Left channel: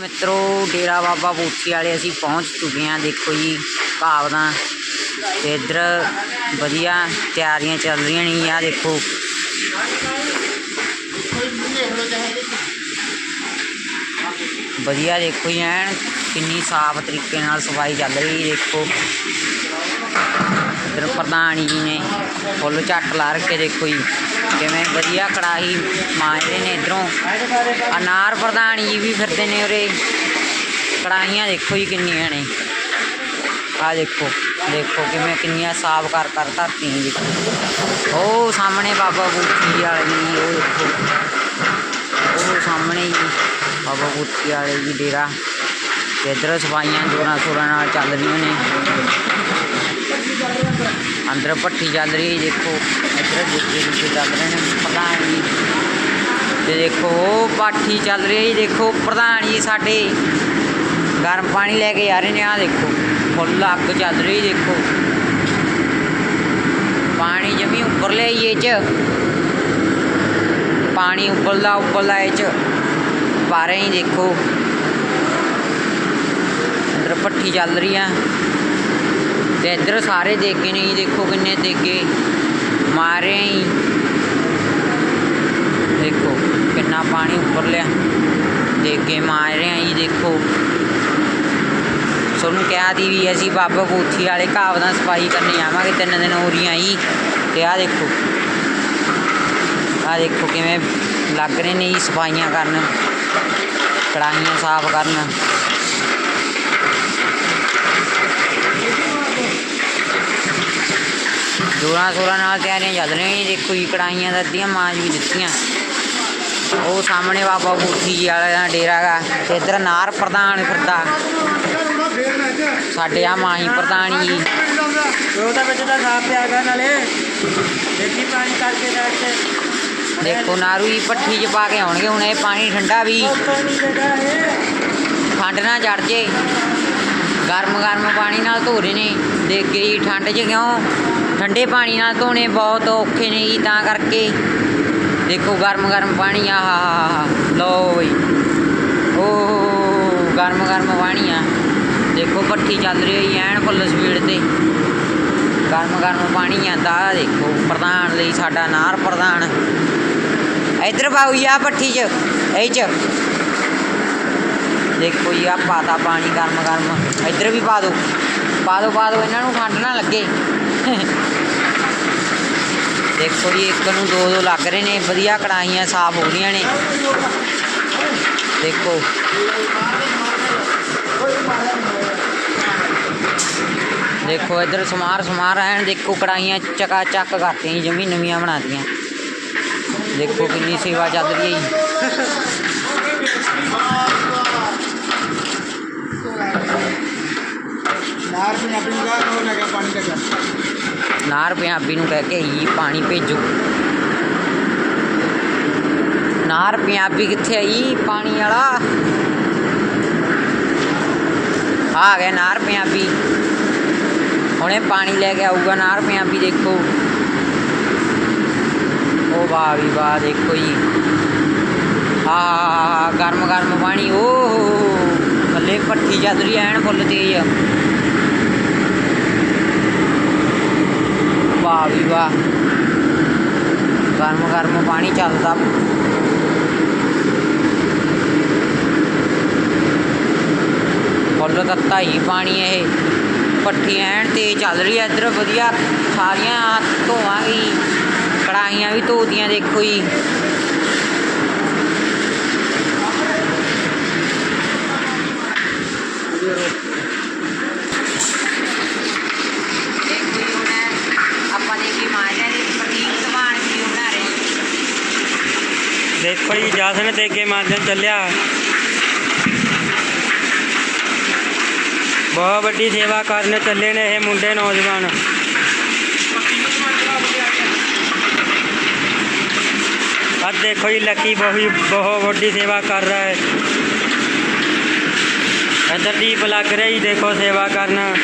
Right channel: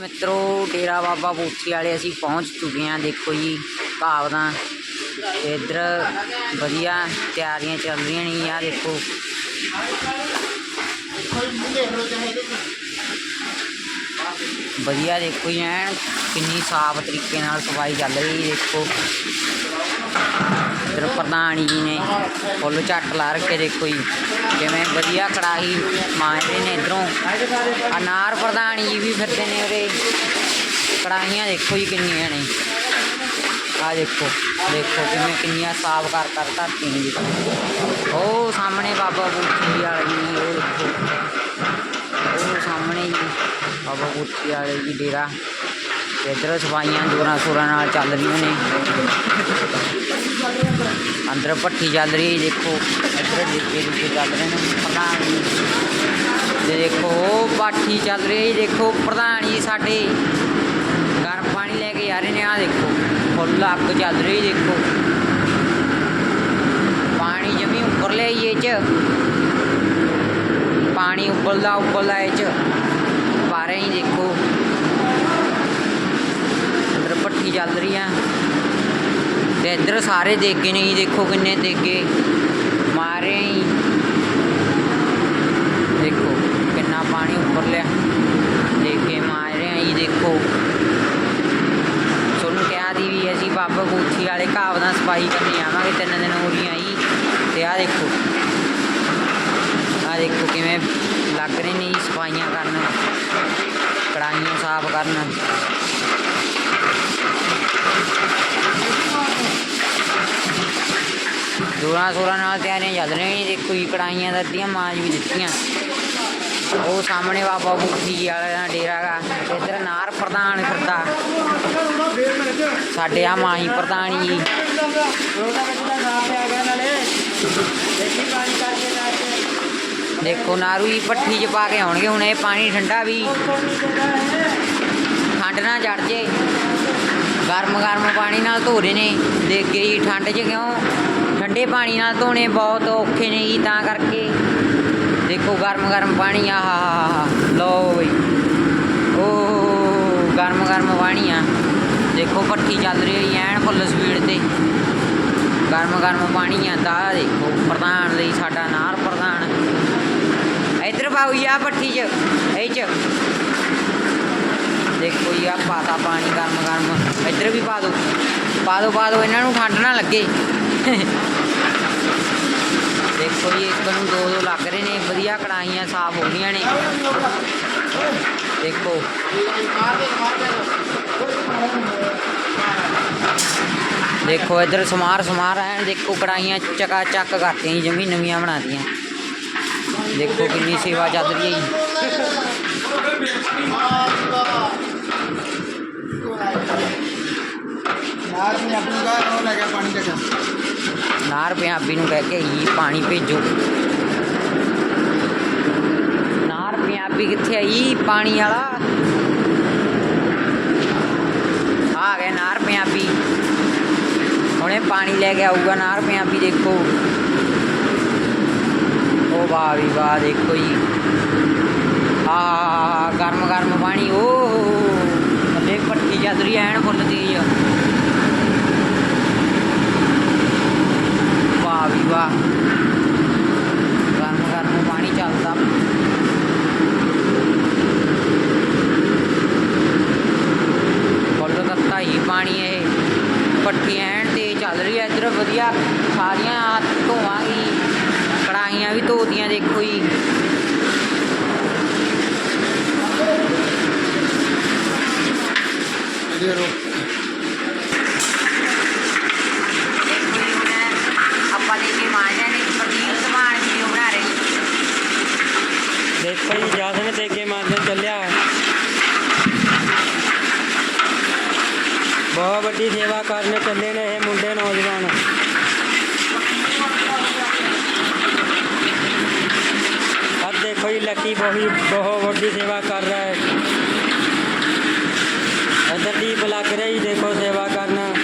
ਮਿੱਤਰੋ, ਡੇਰਾ ਬਾਬਾ ਬੂਥੀ ਵਾਲੇ ਅਸੀਂ ਪਹੁੰਚ ਚੁੱਕੇ ਹਾਂ। ਦੇਖੋ ਜੀ, ਭਾਵਨਾ ਤੇ ਇੱਧਰ ਵਧੀਆ ਤਿਆਰੀਆਂ ਚੱਲ ਰਹੀਆਂ ਨੇ। ਆ ਦੇਖੋ। ਵਧੀਆ ਦੇਖੋ ਜੀ, ਐਨ ਕਿੰਨੀ ਸਾਫ਼ ਤਰੀਕੇ ਨਾਲ ਸਫ਼ਾਈ ਚੱਲ ਰਹੀ ਦੇਖੋ। ਇੱਧਰ ਪ੍ਰਧਾਨ ਜੀ ਨੇ ਫੁੱਲ ਝੱਟ ਲਾ ਰੱਖੇ ਦੇਖੋ ਜੀ। ਕਿਵੇਂ ਵਧੀਆ ਕੜਾਹੀ ਮਾਰਦੇ ਨੇ ਇਧਰੋਂ। ਅਨਾਰ ਪ੍ਰਧਾਨ ਜੀ ਵੀ ਫਿਰਦੇ ਨੇ ਉਰੇ। ਕੜਾਹੀਆਂ ਦੇਖੋ ਜੀ ਕਿੰਨੀਆਂ ਨੇ। ਆ ਦੇਖੋ ਦੇਖੋ ਕਿਵੇਂ ਕਿੰਨੀਆਂ ਸਾਫ਼ ਕਰ ਕਰ ਧਰਤੀਆਂ ਜੀ। ਉਹ ਸਾਹਮਣੇ ਬਾਬਾ ਬੂਥੀ ਵਾਲੇ ਜੀ ਉਹ ਦੇਖੋ। ਉਹ ਸਾਹਮਣੇ ਜੀ ਬਾਬਾ ਬੂਥੀ ਵਾਲੇ ਜੀ ਡੇਰਾ। ਤੇ ਇੱਧਰ ਸਫਾਈਆਂ ਜੋਰਾਂ ਸ਼ੋਰਾਂ ਨਾਲ ਚੱਲ ਰਹੀਆਂ ਨੇ। ਅੰਦਰ ਭੱਠੀ ਚੱਲ ਰਹੀ ਹੈ ਦੇਖੋ। ਇੱਧਰ ਡਿੱਗੇ ਚੱਲ ਰਹੇ ਨੇ। ਪ੍ਰਧਾਨ ਜੀ, ਤੇ ਦੇਖੋ, ਉਹ ਪਾਠੀ ਚੱਲ ਰਹੀ ਹੈ ਜੀ। ਦੇਖੋ, ਪ੍ਰਧਾਨ ਜੀ ਸਾਡੇ ਗਰਮ ਪਾਣੀ ਲੈ ਕੇ ਆ ਰਹੇ ਨੇ। ਆ ਦੇਖੋ, ਫੁੱਲ ਅੱਗ ਚੱਲ ਰਹੀ ਦੇਖੋ। ਪਾਣੀ ਜਮੀ ਉੱਪਰ ਲਿਆਈ ਇਹ ਚ। ਪਾਣੀ ਉੱਬਲਦਾ ਉੱਬਲਦਾ ਇਹ ਚ। ਪਾ ਹੀ ਦੇਖੋ। ਅੰਦਰ ਭੱਠੀ ਚੱਲ ਰਹੀ ਆ। ਤੇ ਇੱਧਰ ਸਾਰੇ ਦੇਗੇ ਨੇ ਜੀ, ਦੇਖੋ ਕਿੰਨੇ ਦੇਗੇ। ਮਾਰੇ ਹੀ ਦੇਖੋ, ਕਿੰਨਾ ਪਾਣੀ ਉੱਪਰ ਲਿਆ। ਦੇਗੇ ਮਾਰ ਰਹੇ ਆ ਜੀ, ਦੇਖੋ। ਤੁਹਾਨੂੰ ਕਿਹਾ ਦੀ ਵੀ ਅਸੀਂ ਬਾਬਾ ਬੂਥੀ ਵਾਲੇ ਘਾਵ ਦਾ ਸਫ਼ਾਈ ਕਰਨੀ ਜਾਵਾਂਗੇ ਤਿੰਨ ਦਿਨ ਹੋ ਰਹੀਆਂ ਜੀ। ਤੇ ਆਹ ਦੇਖੋ। ਆਹ ਦੇਖੋ ਕਿਵੇਂ ਲੱਗ ਰਹੇ ਨੇ ਜੀ ਸਫਾਈਆਂ ਕਰਨ। ਕੜਾਹੀਆਂ ਸਾਫ਼ ਕਰਨ। ਜੋਰਾਂ ਸ਼ੋਰਾਂ ਨਾਲ ਤਿਆਰੀਆਂ ਚੱਲ ਰਹੀਆਂ ਜੀ ਦੇਖੋ ਜੀ ਕੜਾਈਆਂ ਦਾ ਅੱਧੀਆਂ ਮਾਂਜ ਵੀ ਦਿੱਤੀਆਂ। ਉਹ ਸਾਹਮਣੇ ਬਾਬਾ ਬੂਥੀ ਜੀ ਵਾਲਾ ਦਾ ਡੇਰਾ ਗਾ, ਤੇ ਇੱਧਰ ਨਾਰ ਪ੍ਰਧਾਨ ਫਿਰਦਾ। ਸਾਡੇ ਆ ਮਾਹੀ ਪ੍ਰਧਾਨ ਜੀ। ਦੇਖੋ, ਨਾਰੂ ਜੀ ਭੱਠੀ 'ਚ ਪਾ ਕੇ ਆਉਣਗੇ, ਹੁਣ ਇਹ ਪਾਣੀ ਠੰਡਾ ਵੀ। ਠੰਡ ਨਾ ਚੜ ਜੇ। ਗਰਮ ਗਰਮ ਪਾਣੀ ਨਾਲ ਧੋ ਰਹੇ ਨੇ। ਦੇਗੇ ਜੀ, ਠੰਡ 'ਚ ਕਿਉਂ? ਠੰਡੇ ਪਾਣੀ ਨਾਲ ਧੋਣੇ ਬਹੁਤ ਔਖੇ ਨੇ ਜੀ, ਤਾਂ ਕਰਕੇ। ਦੇਖੋ, ਗਰਮ ਗਰਮ ਪਾਣੀ ਆ, ਹਾ ਲਓ ਬਈ। ਓ, ਗਰਮ ਗਰਮ ਪਾਣੀ ਆ। ਦੇਖੋ ਭੱਠੀ ਚੱਲ ਰਹੀ ਹੈ ਐਨ ਫੁੱਲ ਸਪੀਡ ਤੇ। ਗਰਮ ਗਰਮ ਪਾਣੀ ਆਂਦਾ ਆਹ ਦੇਖੋ, ਪ੍ਰਧਾਨ ਲਈ ਸਾਡਾ ਨਾਰ ਪ੍ਰਧਾਨ। ਇੱਧਰ ਪਾਉ ਜੀ ਆ ਭੱਠੀ 'ਚ, ਇਹ 'ਚ। ਦੇਖੋ ਜੀ ਆ ਪਾਤਾ ਪਾਣੀ ਗਰਮ ਗਰਮ। ਇੱਧਰ ਵੀ ਪਾ ਦੋ। ਪਾ ਦਿਓ ਪਾ ਦਿਓ ਇਹਨਾਂ ਨੂੰ ਠੰਡ ਨਾ ਲੱਗੇ। ਦੇਖੋ ਜੀ, ਇੱਕ ਨੂੰ ਦੋ ਦੋ ਲੱਗ ਰਹੇ ਨੇ, ਵਧੀਆ ਕੜਾਹੀਆਂ ਸਾਫ਼ ਹੋ ਰਹੀਆਂ ਨੇ। ਦੇਖੋ। ਦੇਖੋ, ਇੱਧਰ ਸਮਾਰ ਸਮਾਰ ਐਨ ਦੇਖੋ ਕੜਾਹੀਆਂ ਚਕਾ ਚੱਕ ਕਰਤੀਆਂ ਜੀ, ਜਮੀ ਨਵੀਆਂ ਬਣਾਤੀਆਂ। ਦੇਖੋ ਕਿੰਨੀ ਸੇਵਾ ਚੱਲ ਰਹੀ ਹੈ ਜੀ। ਨਾਰ ਨਾਰ ਪੰਜਾਬੀ ਨੂੰ ਕਹਿ ਕੇ ਹੀ ਪਾਣੀ ਭੇਜੋ। ਨਾਰ ਪੰਜਾਬੀ ਕਿੱਥੇ ਆਈ ਪਾਣੀ ਵਾਲਾ। ਆ ਗਿਆ ਨਾਰ ਪੰਜਾਬੀ। ਹੁਣੇ ਪਾਣੀ ਲੈ ਕੇ ਆਊਗਾ ਨਾਰ ਪੰਜਾਬੀ, ਦੇਖੋ। ਉਹ ਵਾਹ ਵੀ ਵਾਹ, ਦੇਖੋ ਜੀ। ਆ ਗਰਮ ਗਰਮ ਪਾਣੀ, ਓ। ਥੱਲੇ ਪੱਟੀ ਚੱਲ ਰਹੀ ਐਨ ਫੁੱਲ ਤੇਜ਼ ਆ। ਵਾਹ ਵੀ ਵਾਹ। ਗਰਮ ਗਰਮ ਪਾਣੀ ਚੱਲਦਾ। ਫੁੱਲ ਤੱਤਾ ਹੀ ਪਾਣੀ ਇਹ। ਪੱਠੀ ਐਨ ਤੇ ਚੱਲ ਰਹੀ ਹੈ ਇੱਧਰ ਵਧੀਆ। ਸਾਰੀਆਂ ਧੋਵਾਂਗੀ। ਕੜਾਹੀਆਂ ਵੀ ਧੋਤੀਆਂ ਦੇਖੋ ਜੀ ਦੇਖੋ ਜੀ ਹੁਣ ਆਪਾਂ ਦੇ ਕੇ ਮਾਰਿਆ ਨੇ ਪ੍ਰਦੀਪ ਧਮਾਨ ਵੀਡੀਓ ਬਣਾ ਰਹੇ ਦੇਖੋ ਜੀ ਜਸਨ ਤੇ ਕੇ ਮਾਧਿਅਮ ਚੱਲਿਆ। ਬਹੁਤ ਵੱਡੀ ਸੇਵਾ ਕਰਨ ਚੱਲੇ ਨੇ ਇਹ ਮੁੰਡੇ ਨੌਜਵਾਨ। ਅੱਜ ਦੇਖੋ ਜੀ, ਲੱਕੀ ਬਹੁਤ ਬਹੁਤ ਵੱਡੀ ਸੇਵਾ ਕਰ ਰਿਹਾ ਹੈ। ਇੱਧਰ ਦੀਪ ਲੱਗ ਰਿਹਾ ਜੀ, ਦੇਖੋ ਸੇਵਾ ਕਰਨ।